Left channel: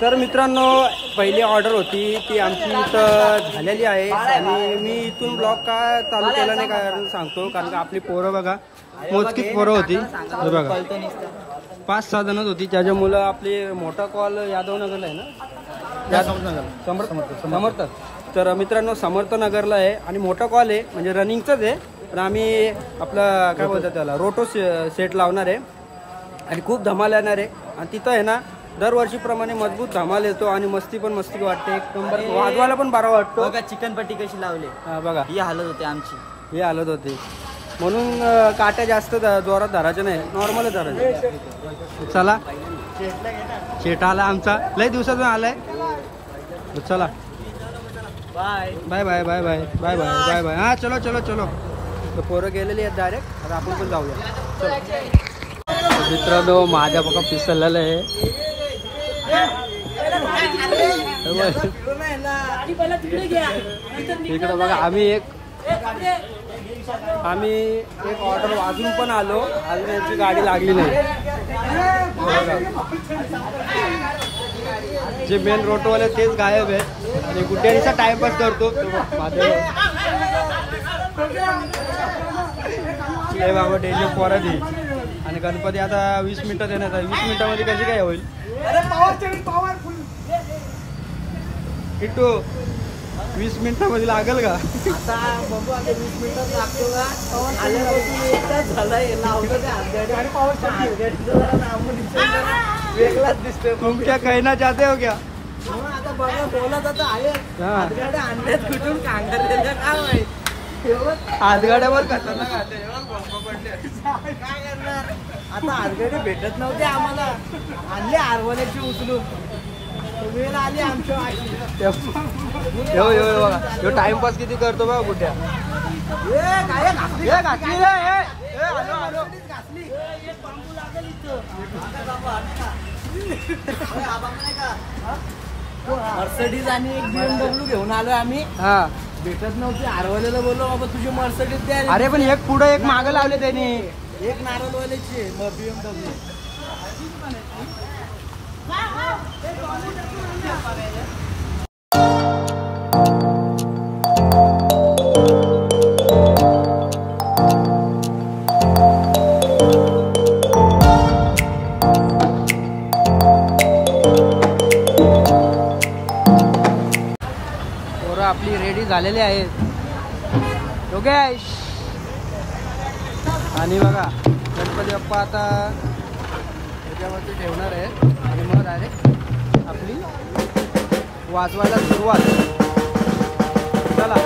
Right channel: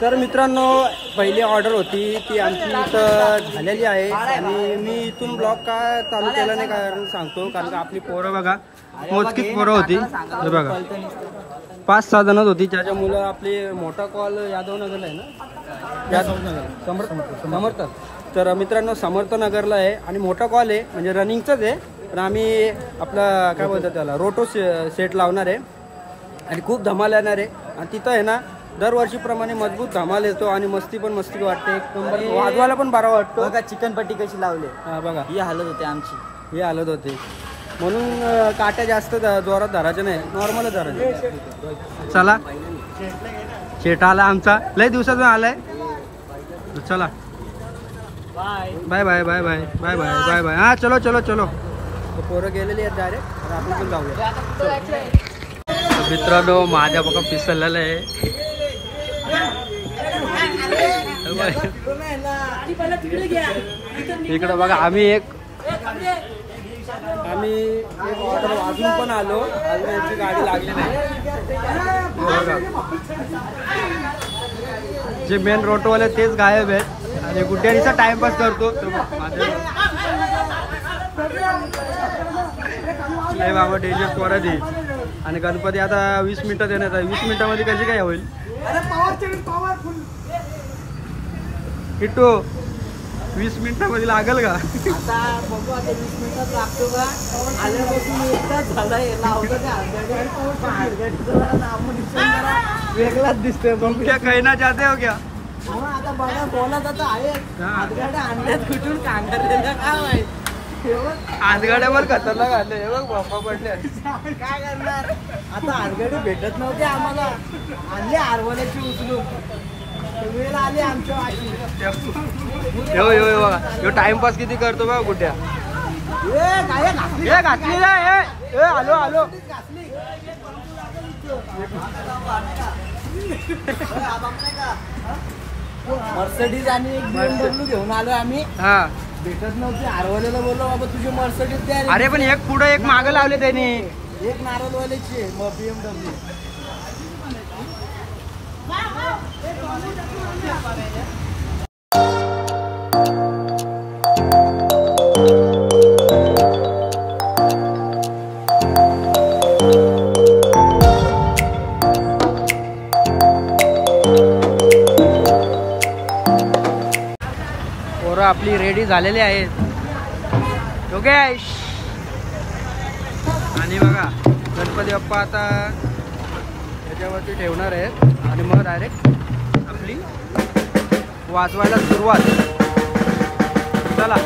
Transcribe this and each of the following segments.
तर मित्रांनो पहिली ऑर्डर होती ती आमची इथं झालेली आहे आणि मी इथून ब्लॉग का चालू केला नाही कारण सांगतो कारण का आपली पोरं बघा मोजकीच पोरं होती हे बघा 5-6 जणच होती त्याची मुलं आपली मोठा कॉल यादवनगरला आहे ना समर्थ तर मित्रांनो समर्थनगरला आहे आणि मोठा कॉल आहे म्हणजे रनिंगचंच आहे पण आम्ही आपला काय बोलतात त्याला रोटो सेट लावणार आहे आणि खूप धमाल येणार आहे आणि तिथं आहे ना दरवर्षीप्रमाणे मजबूत धमाल येतो आणि मस्ती पण वाटते एक नंबर वाजवायला पण बरा वाटतो बघा चिकन पट्टी कशी लावली बघा ही हालत होते आमची ही हालत होते म्हणून काट्या जास्त जोरात धरायचे नाही नॉर्मलच धरायचे चला शेट आला आमचा लय दिवसातून आलाय चला bye bye bye bye bye bye bye bye bye हा चलो चलो चलो तो पोरं गेलेली आहेत डायरेक्ट आता आपण पण जाऊया मित्रांनो माझ्या बघा पिसलेलं आहे इकडं बघा आम्ही एक ऑर्डर वाजून पण आलो अजून यांची गाडी लागली नाही जे मेन रोटवाले तेच गायब आहेत आणि गुड्ड्यानीचा टाइमपास करतो माझे बाबा डेली पोरं दे आणि गणपती आता 20 मिनिटं देण्यात 20 मिनिटांमध्ये कशी काय होईल किट्टू 20 मिनिटांमध्ये लागेल का आता बघू आता 20 मिनिटात लागतो का आल्यापासून एक तास झालाय लावलं त्या वेगळाच दिसतोय तुमच्या खैना जाते हो क्या आता बघा बोलत आता आहे हातगाड्या आणल्यात कुठून कांगारलेल्या काय माहित हातगाड्यावर खतरनाक आले बघ बाप्पा पडले आता हातगाडी भेटत नव्हते आम्हाला आणले आरवल्याची उचलून वेळ आली आमच्या बघा ह्यो टाइमपास किती करतो बघा कुठ्या घातली रे आलो आलो मर्सडीज आणि एक BMW घेऊन आलो आम्ही हा भेटत नव्हती आरवलेला बोललो बाबा तुझी मर्सडीज द्या अरे पण एक पुढे एक मागं लावले त्याने एक नारळवाल्याची मग BMW पोरं आपली रेडी झालेली आहेत योगेश आणि बघा गणपती बाप्पा आता त्याच्यावरती ठेवणार आहेत आणि मग डायरेक्ट आपली वाजवायला सुरुवात चला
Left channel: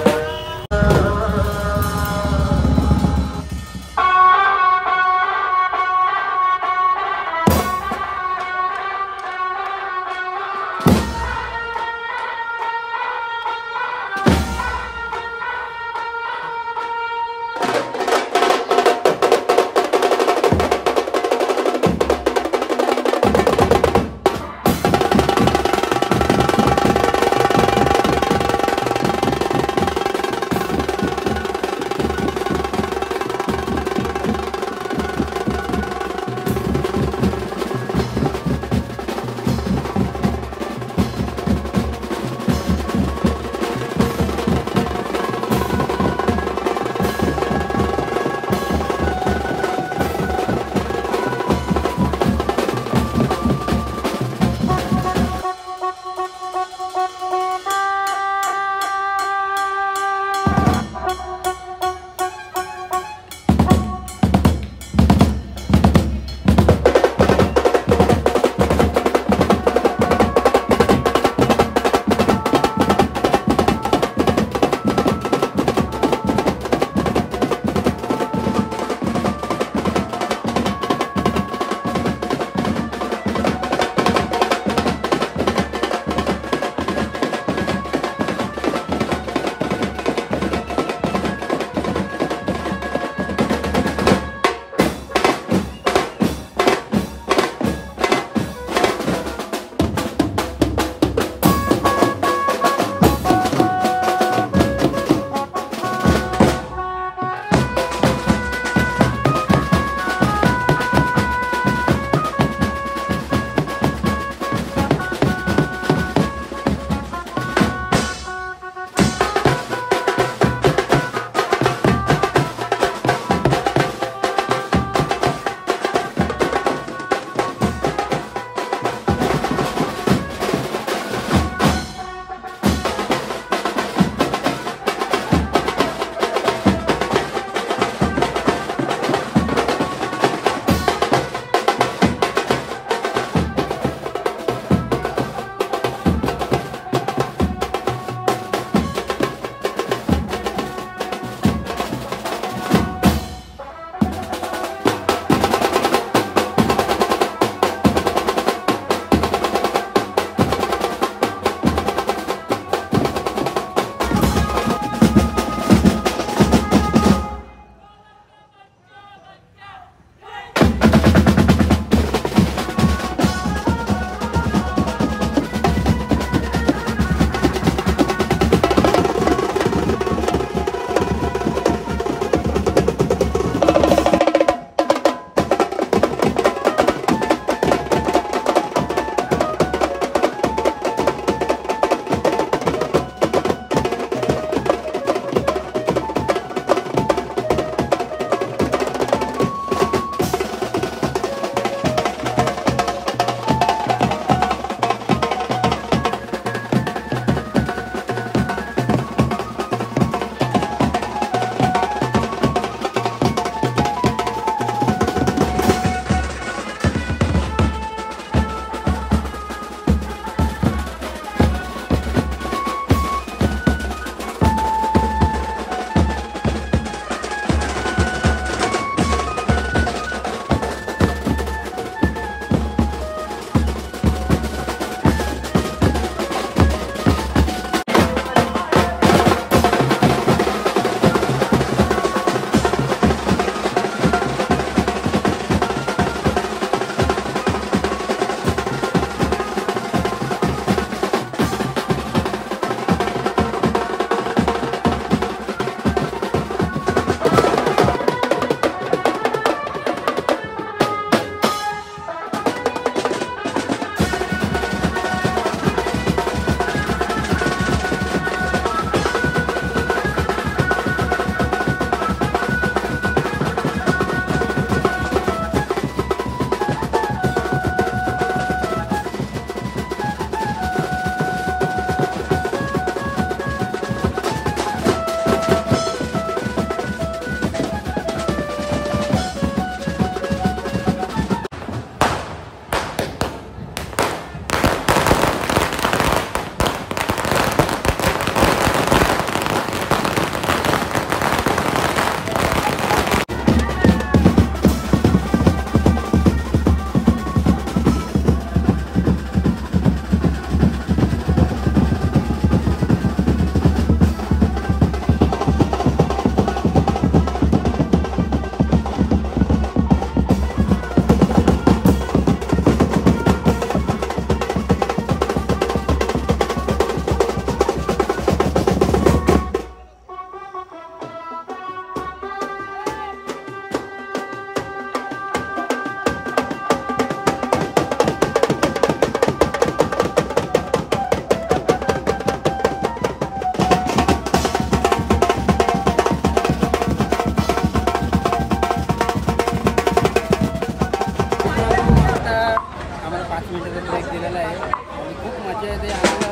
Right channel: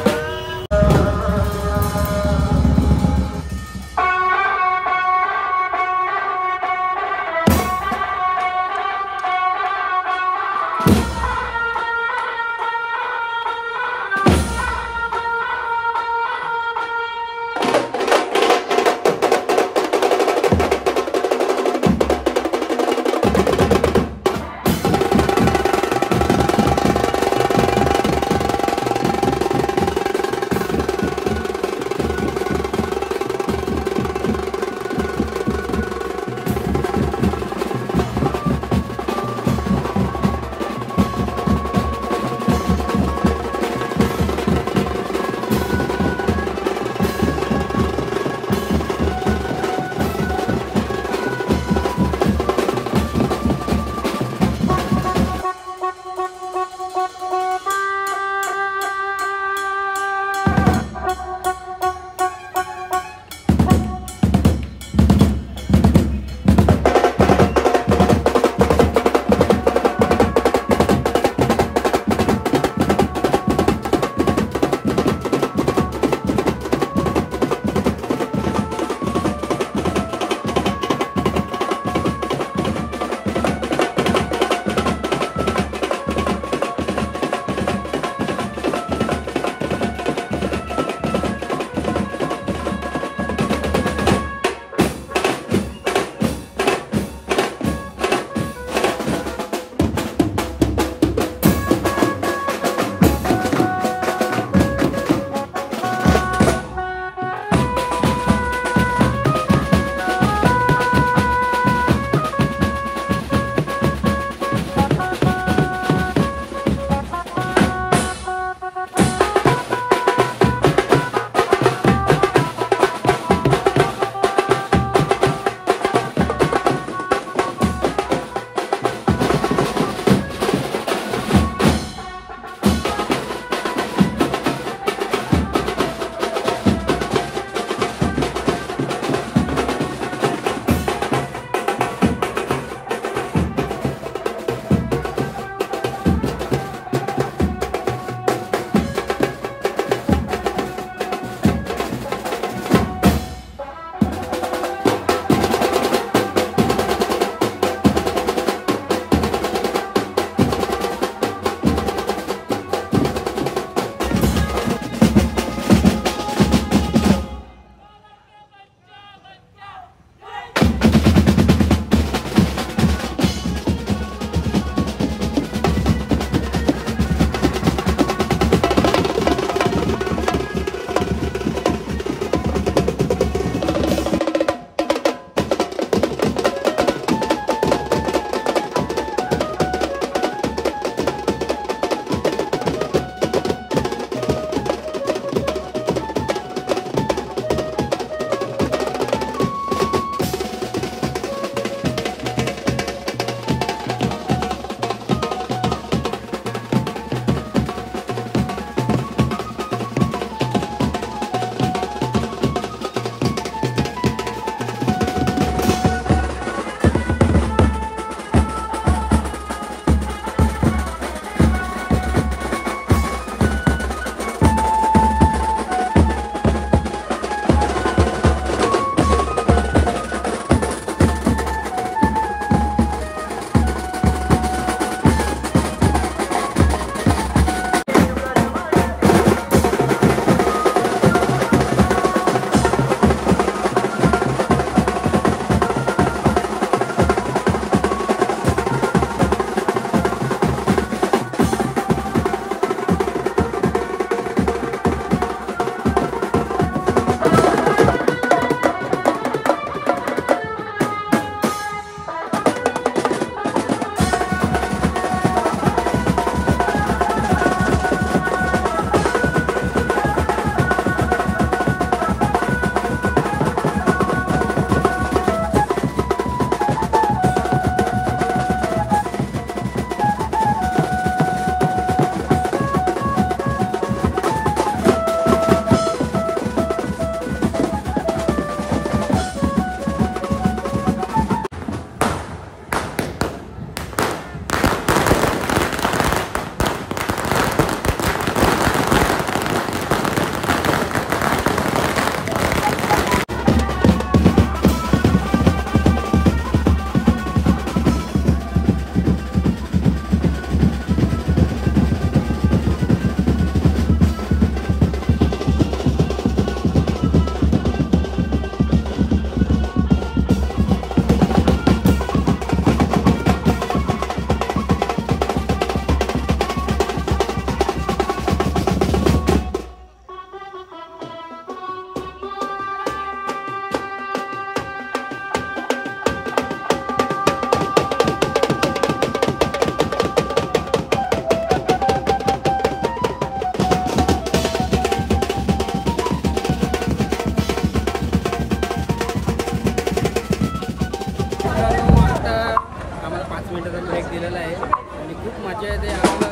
खूप मजा येते आम्हाला.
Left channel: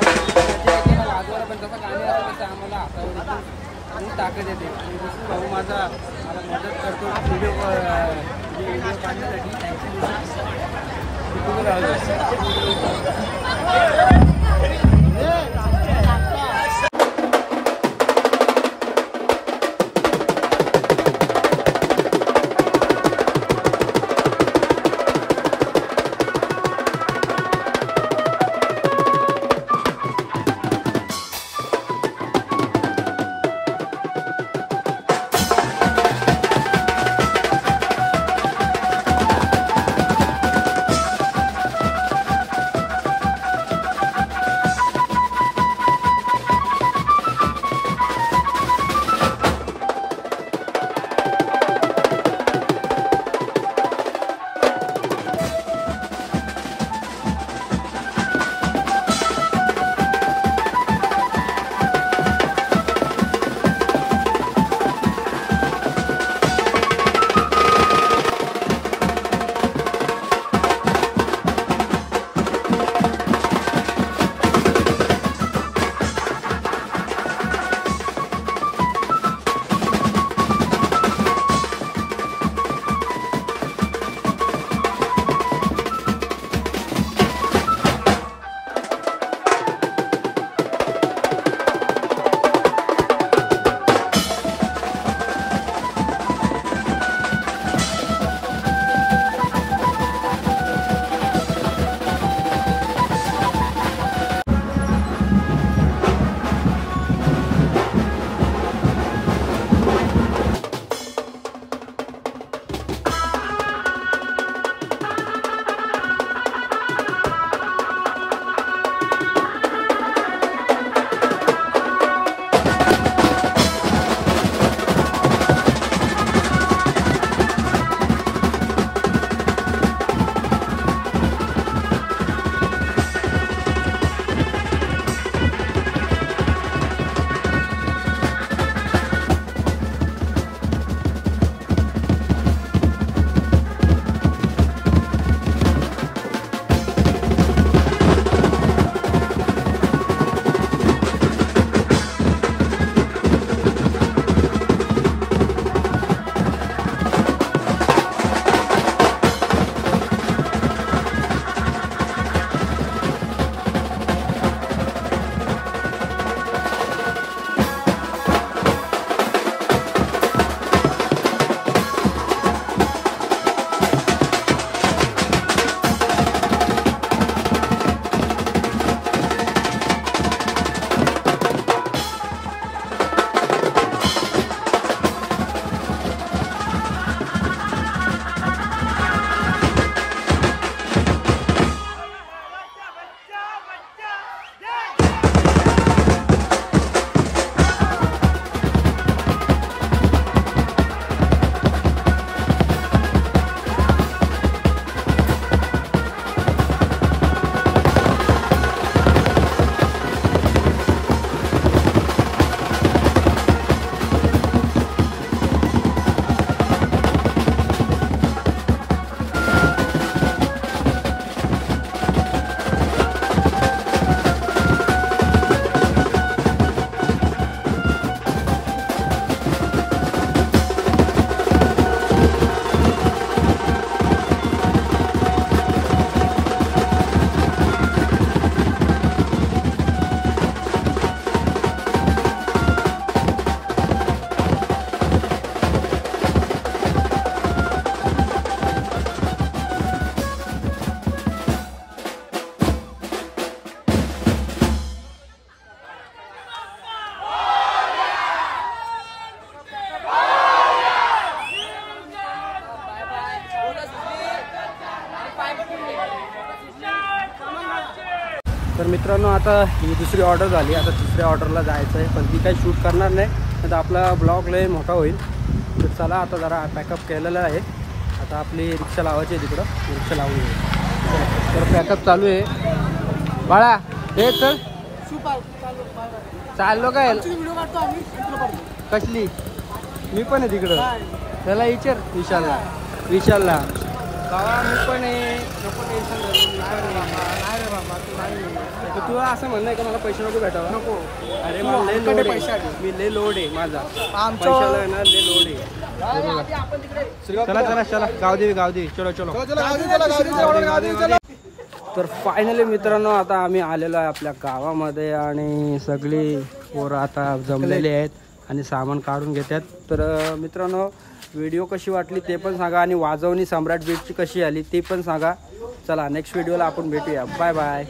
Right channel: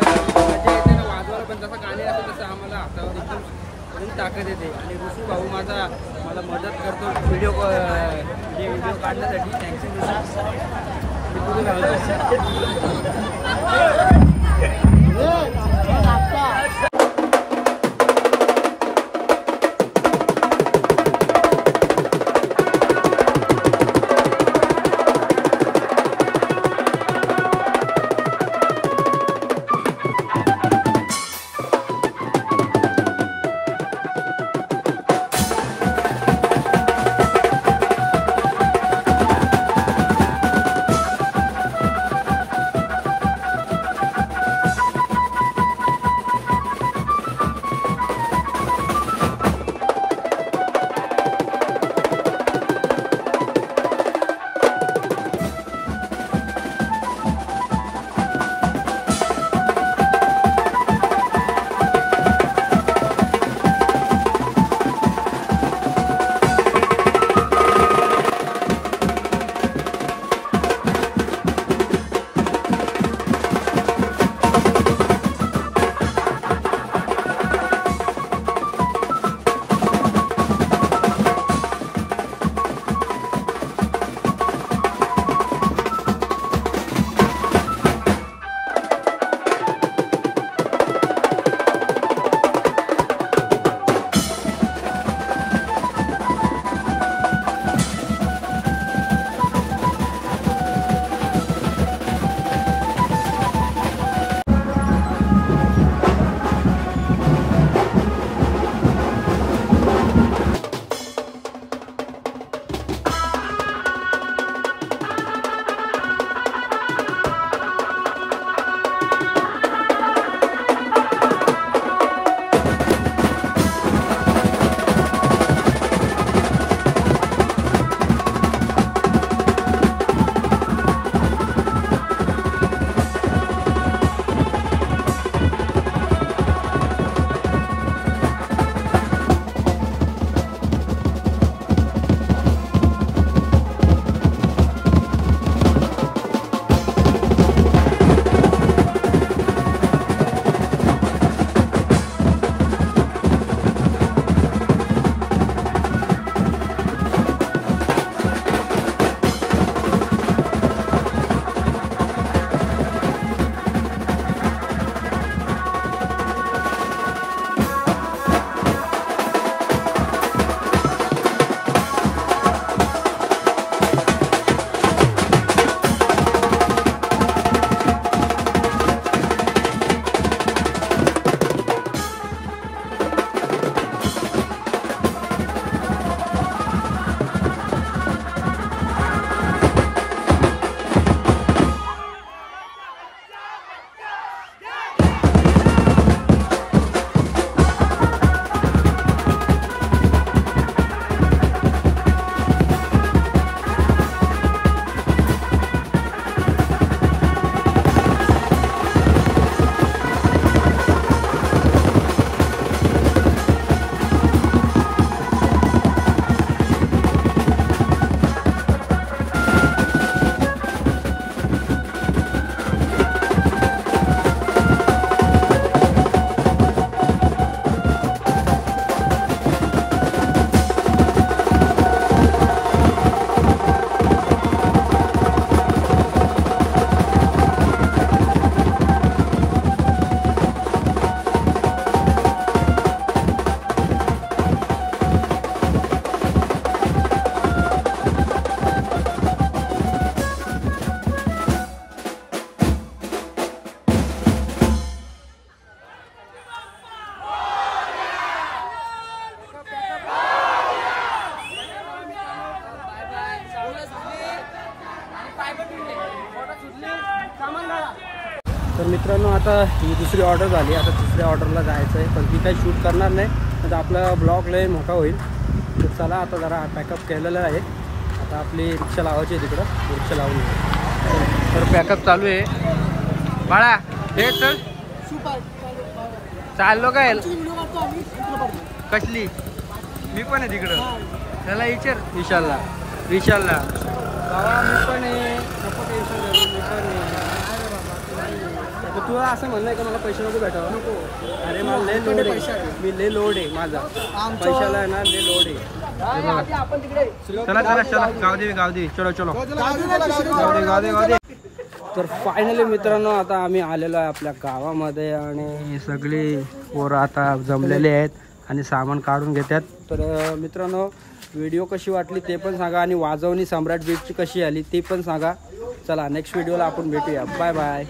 मजा येते ना वाजवायला, पण जसं गाणे असतं तसं आम्हाला हातावर एकदम ताकद येते. आणि ऋषू भाऊ माझा मला मदत करतो व्हिडिओ काढण्यासाठी. थँक्यू ऋषू. मी कुठं घालतो. तर मित्रांनो आता ही दुसरी ऑर्डर झाली, आता तिसऱ्या ऑर्डरला जायचं आहे, पण ती काही शूट करणार नाही, आता आपला ब्लॉग लय मोठा होईल. तर चला आता जरा पॅकअप केलेलं आहे, आता आपली रिक्षा लावायची आहे तिकडं, रिक्षा लावून येऊ. तर पॅकअप चालू आहे बाळा. हे तर चाललो काय कसली, मी पण आहे तिकडं. त्याला विचार विशालला. बाबा मी पण आहे, नको टेन्शन घेऊ, मी पण आहे. नाही रे बाबा तू नाही तर तुला असं म्हणणं आहे का मला पैसे नको भेटावं? नको. अरे मला लय लोड आहे, मी लय लोड आहे माझा पैशाला आहे ना, लय लोड आहे. हे बघा चला चला चला गाव दे चलो चलो गाव दे. तर फायनली मित्रांनो आता आम्ही आलेलो आहे आपल्या गावामध्ये आणि सगळी पोरं आता जमलेले आहेत आणि सामान काढून घेतात. तर मित्रांनो व्हिडिओ कशी वाटली ते पण सांगा आणि वाजवणी सम्राट बीटची कशी आली ते पण सांगा. चला नेक्स्ट व्हिडिओला आपण भेटूया. Bye bye.